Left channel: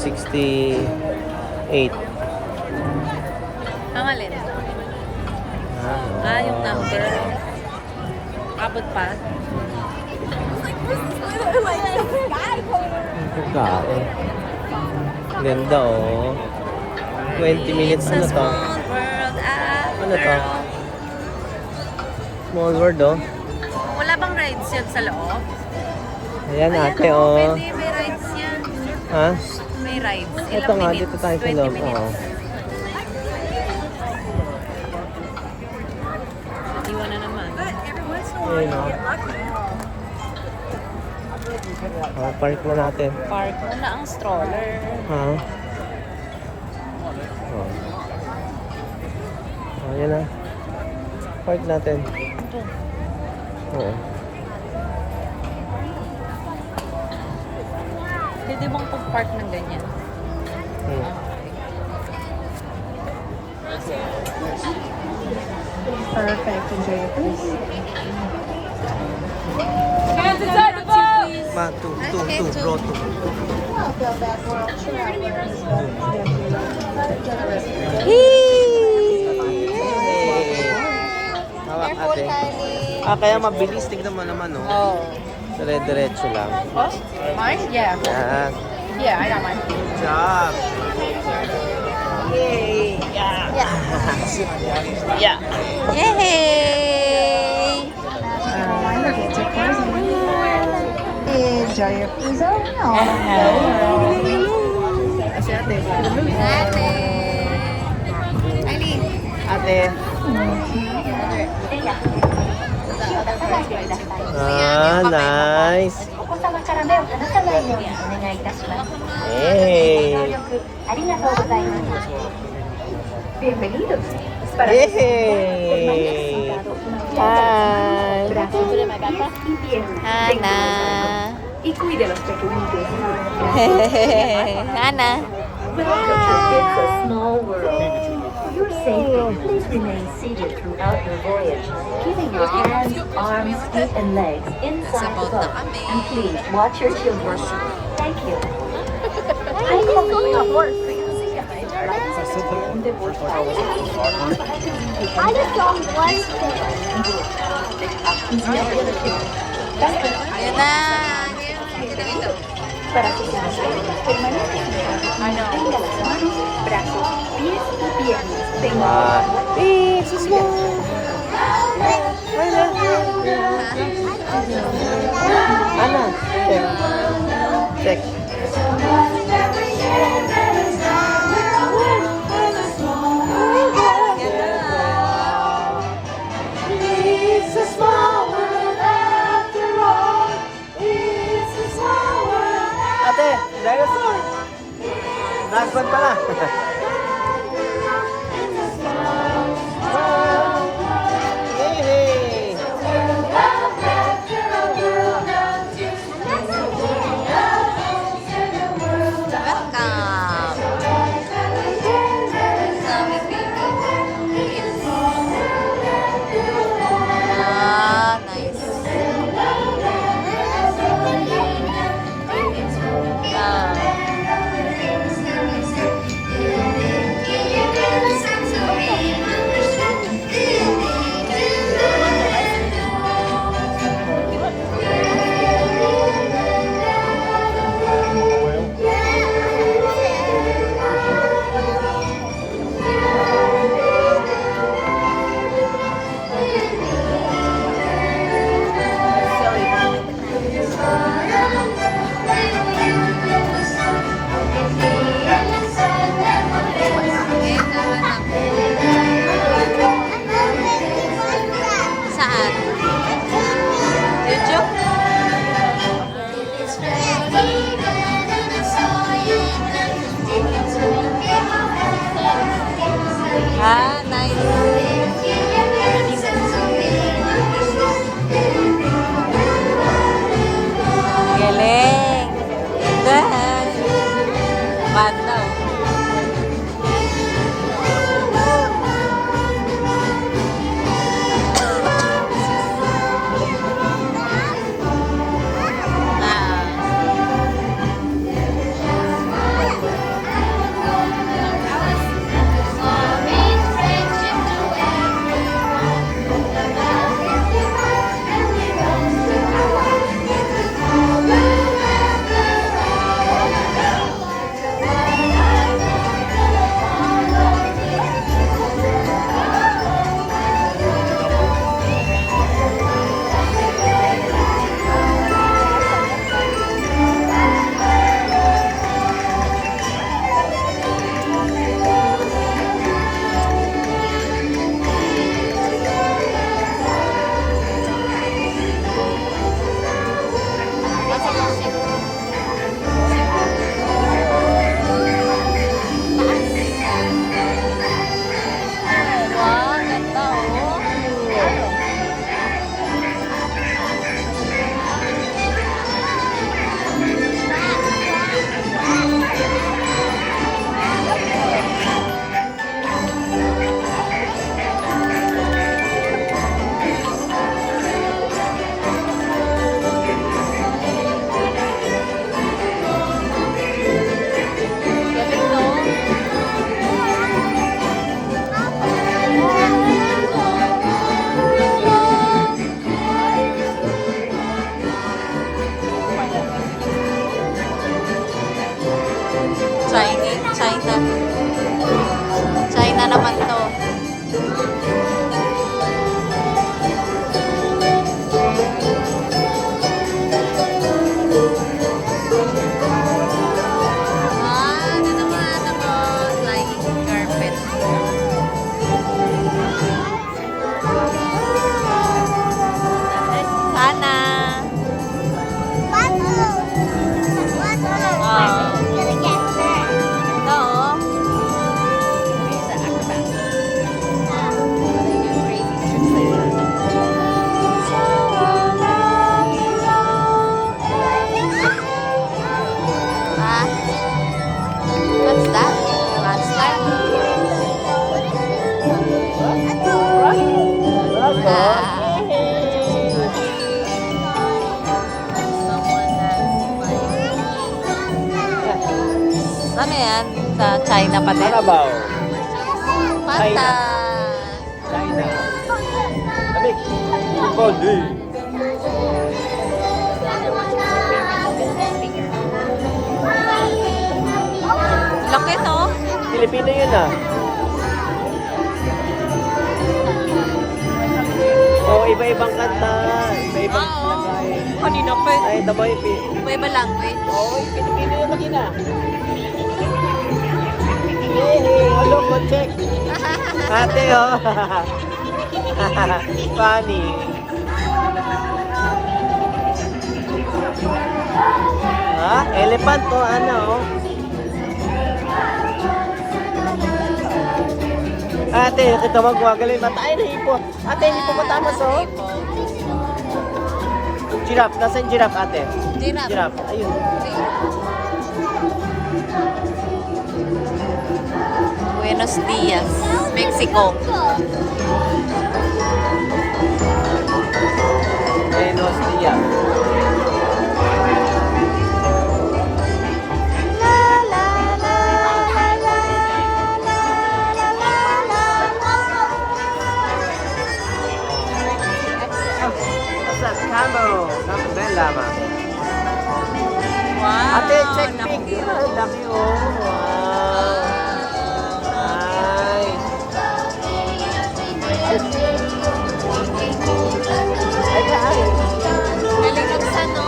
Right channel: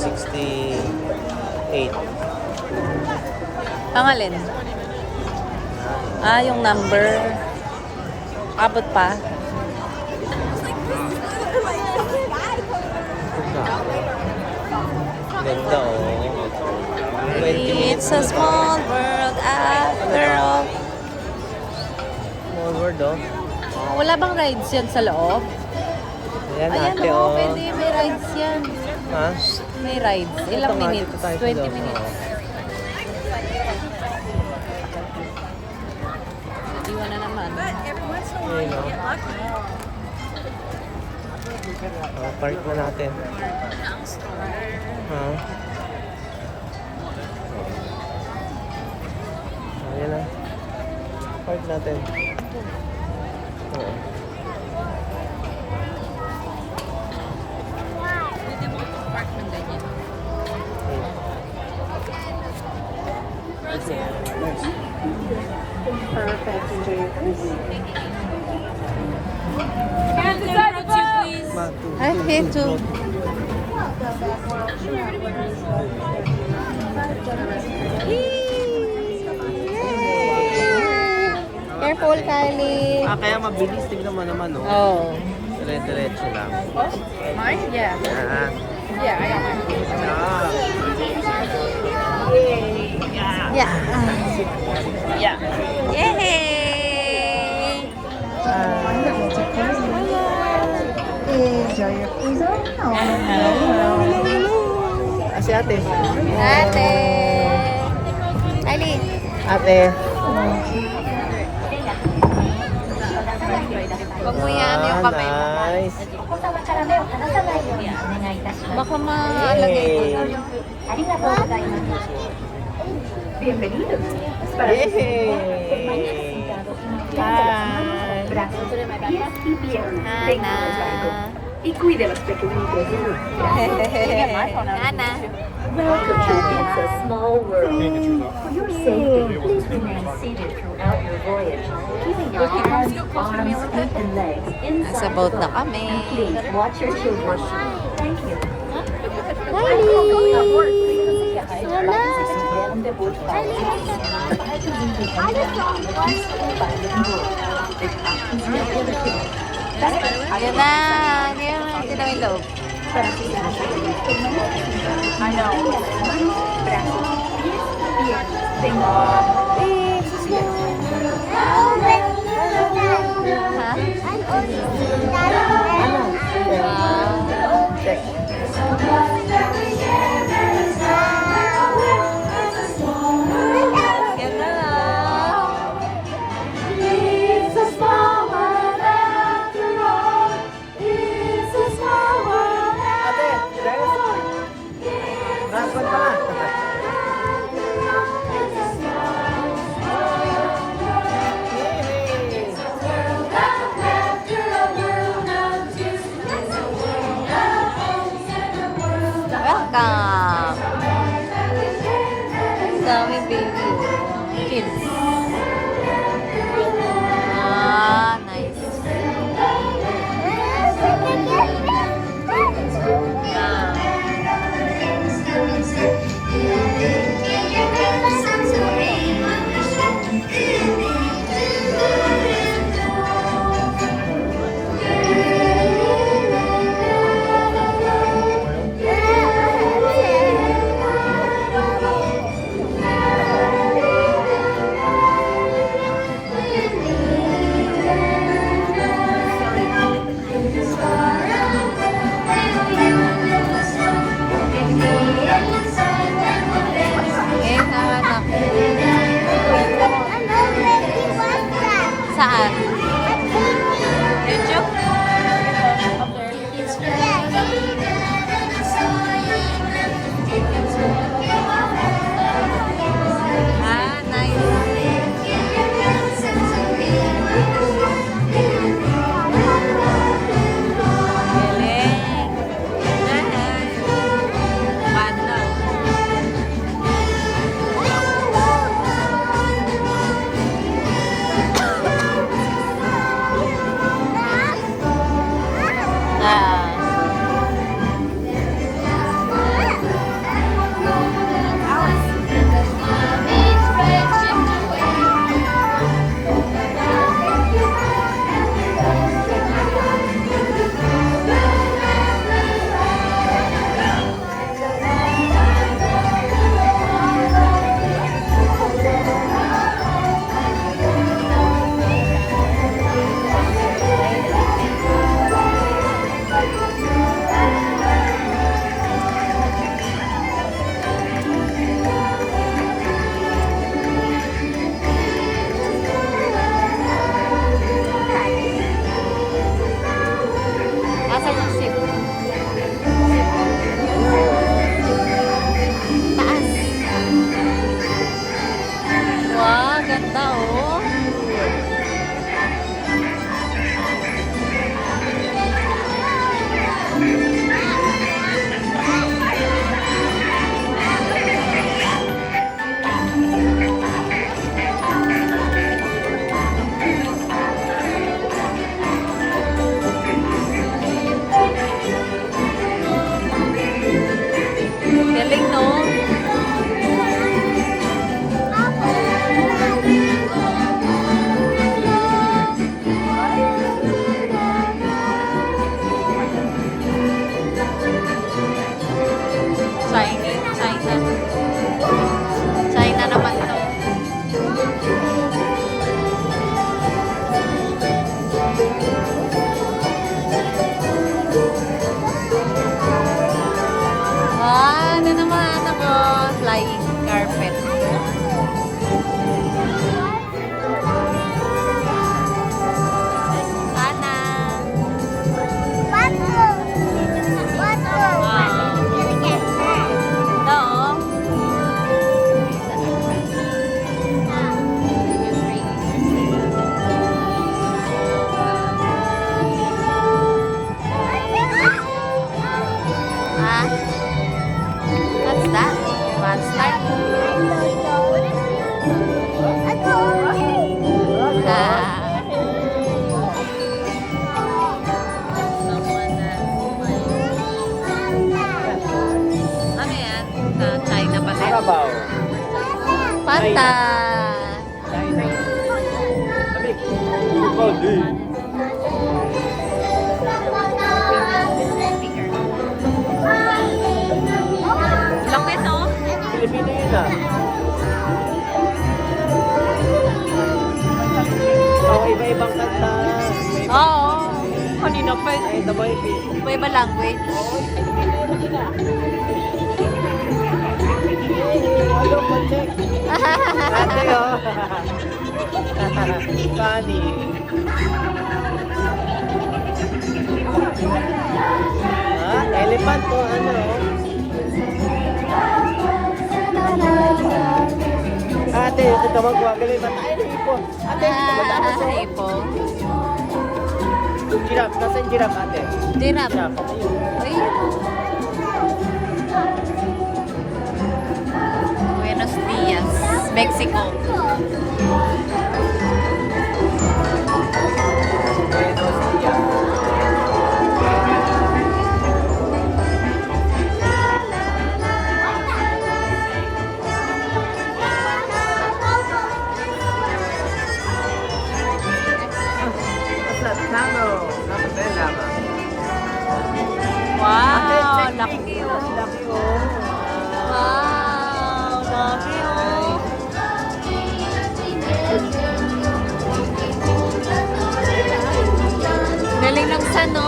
68. Ang alin? Ah, yung number. Abot pa. Ganda oh. 20 minutes It's a na to. small world after all. Small world oh. Wala bang rides yan sa loob? Ayan Ayan ate oh, oh. pwede. May rides yan. Ha? May rides. Ito Ilang nga, minutes? dito tayo sa 20 loob. minutes. Oo. Iwan na naman. But every once in a while you get lucky. Oh, park mo natin. Park muna ang stroller. Ha? Ayan na. Park natin. Ito. Oo. Pwede bang pag-park ng ganyan? Perfect. Enjoy your cruise. Ma, two, Ay, two, okay, two, two. draw two. Careful, Kali. Ah, kaya mabilis. Tignan mo naman, oh. Dire-diretso lang. Mine? Yeah. Yan. Yeah, I got mine. Good job. Yay! Yeah! Yeah! Yay! The gates are closing. Enjoy your cruise on the world. Si ate. Ate! Ali! Ate. Huwag mo yan, yung kamay mo. Nice. Baka Hey! Yay! Hi! Ana! Y cuide a los pequeñitos. Ana! Welcome to It's a Small World. For your safety, please remain seated throughout your voyage, keeping your hands, arms, feet, and legs Nasa inside boat the na boat. kami. And please watch your children. Thank you. Ayan na! Ayan, ito na ito. Check. Ganda lang. Ate, last one pala. Yay! Welcome! Ah, nice. Ah. Ah? What's that? Landslide? Ah. Ano yan? Sa China pa din? Carabao. China. China. Kami, people do. Laki to. Pilipino yun ah. So, iba-ibang kanta. Iba-ibang Oo. Kanina pa. Ay, the boy, Iba-iba language. check. Ate, oh. Funny. Ah, elephant to ano, oh. Ate, ito tawag wagaling. Ay, hipo. Ate, hipo matapos, oh. Giraffe. Nasaan giraffe, ate? Giraffe. Giraffe. Ayun. Buenos Dias, Mexico. Camelo. Dali lama. Wow, laki oh. Laki, oh. Nice. Galing sa no.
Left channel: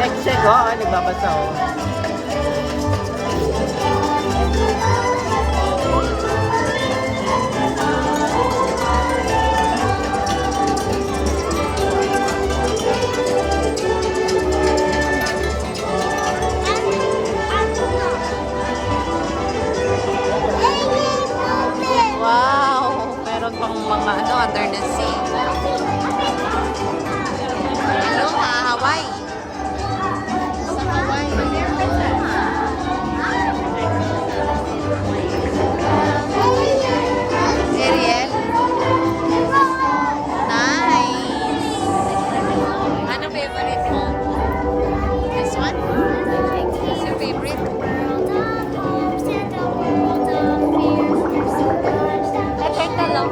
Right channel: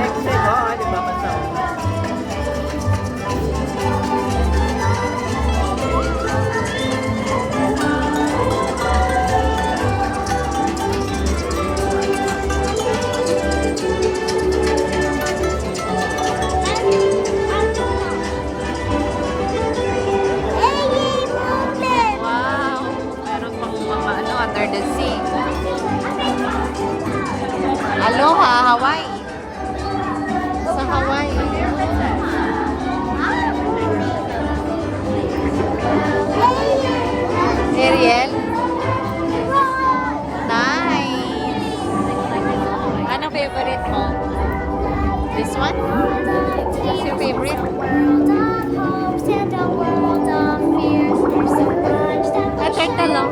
Check, oh. Ay, nagbabasa, oh. Wow, meron pang mga ano under the sea. Aloha, Hawaii. Sa Hawaii. Ariel. Nice. Ano favorite mo? This one? What's your favorite? Kakanta lang.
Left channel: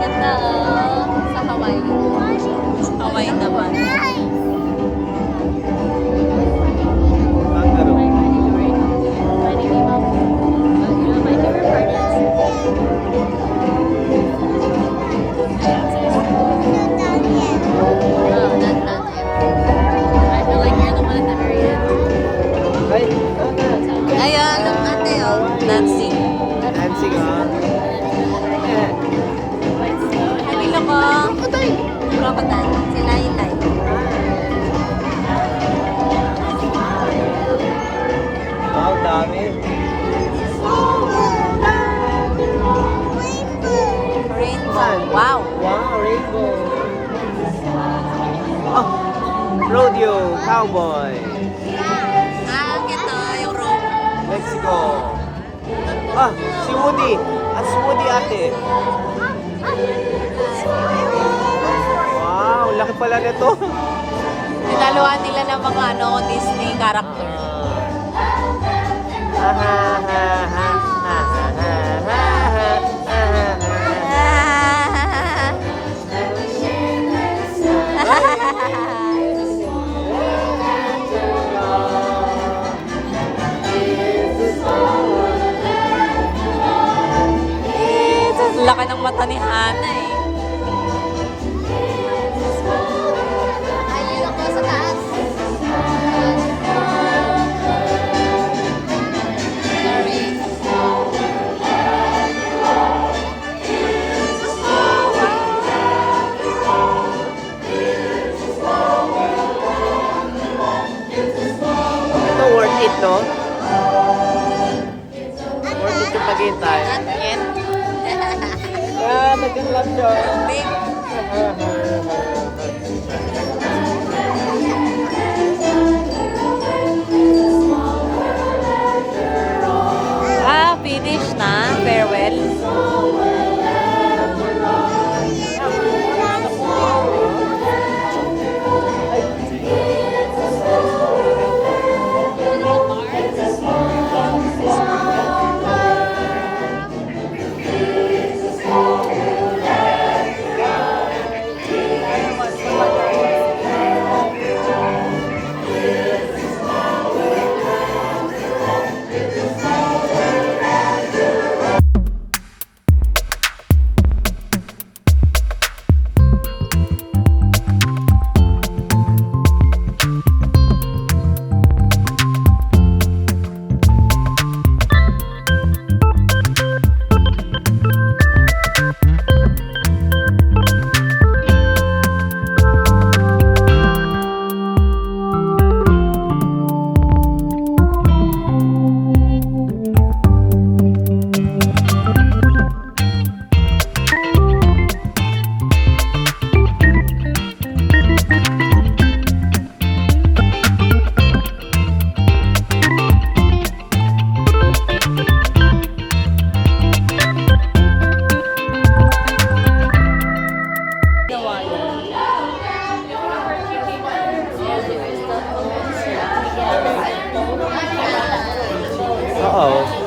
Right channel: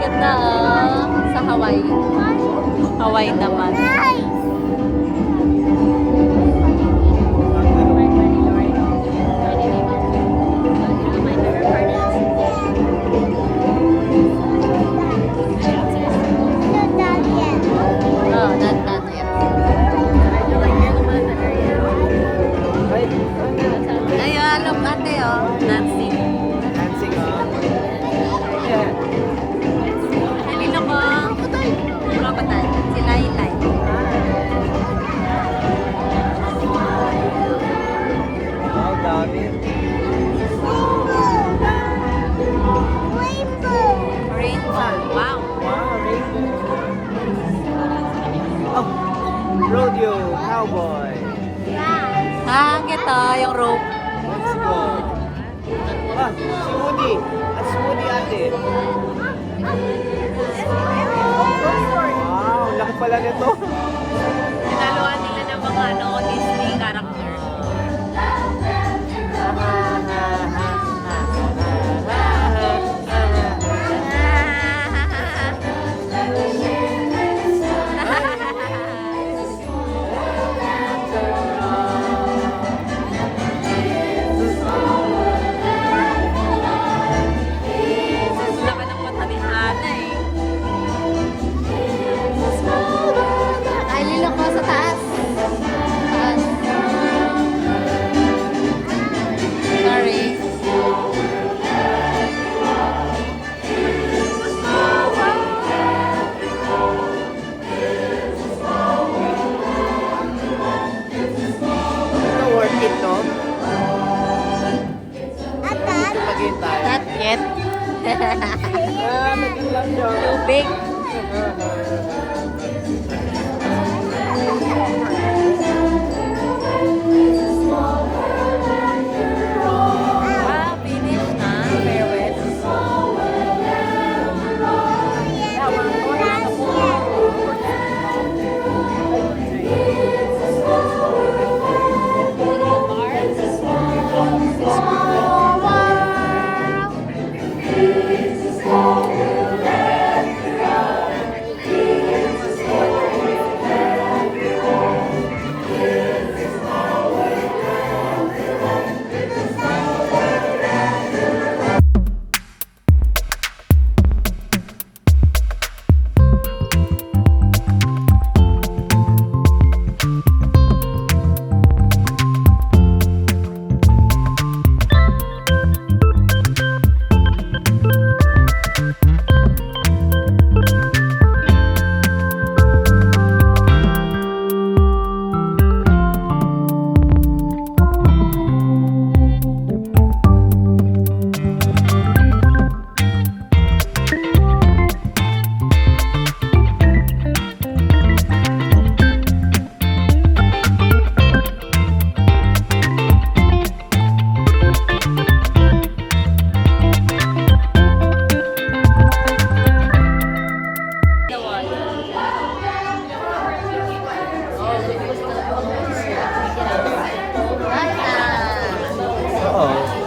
Ganda, sa Hawaii. Hawaii naman. Ayun, look ate oh, dancing. N6. Halilo ko. Crocodile. Si Laylay. Ang dami. Rainbow. Wow. Wow, rainbow. Oh, rodeo, cowboy. Ah, ito yung rope. Let's go. Ah, si Woody. Ah, si Woody ate. Wow, laki pala nito. Nagaluan nila ng mga ano, Disney character. Laki ng mata ni Hana eh. Ay, lilok mo sa taas. second lap siya. Big. Ah, finish na. Farewell. Oo.